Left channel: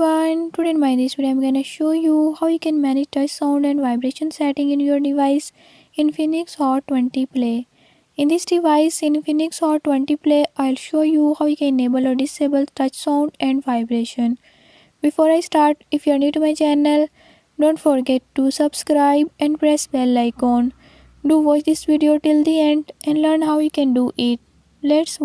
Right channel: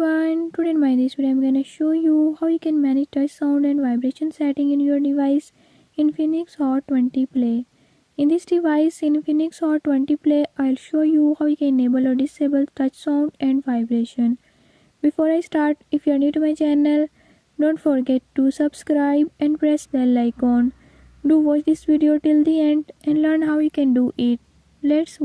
everyone, today in my this video I'm gonna show you how you can manage touch sound and vibration setting in your device Infinix Hot 20 Play. In this device Infinix Hot 20 Play, I'll show you how you can enable or disable touch sound and vibration. Before I start, if you're new to my channel, don't forget to subscribe and press bell icon. Do watch this video till the end and learn how you can do it. Let's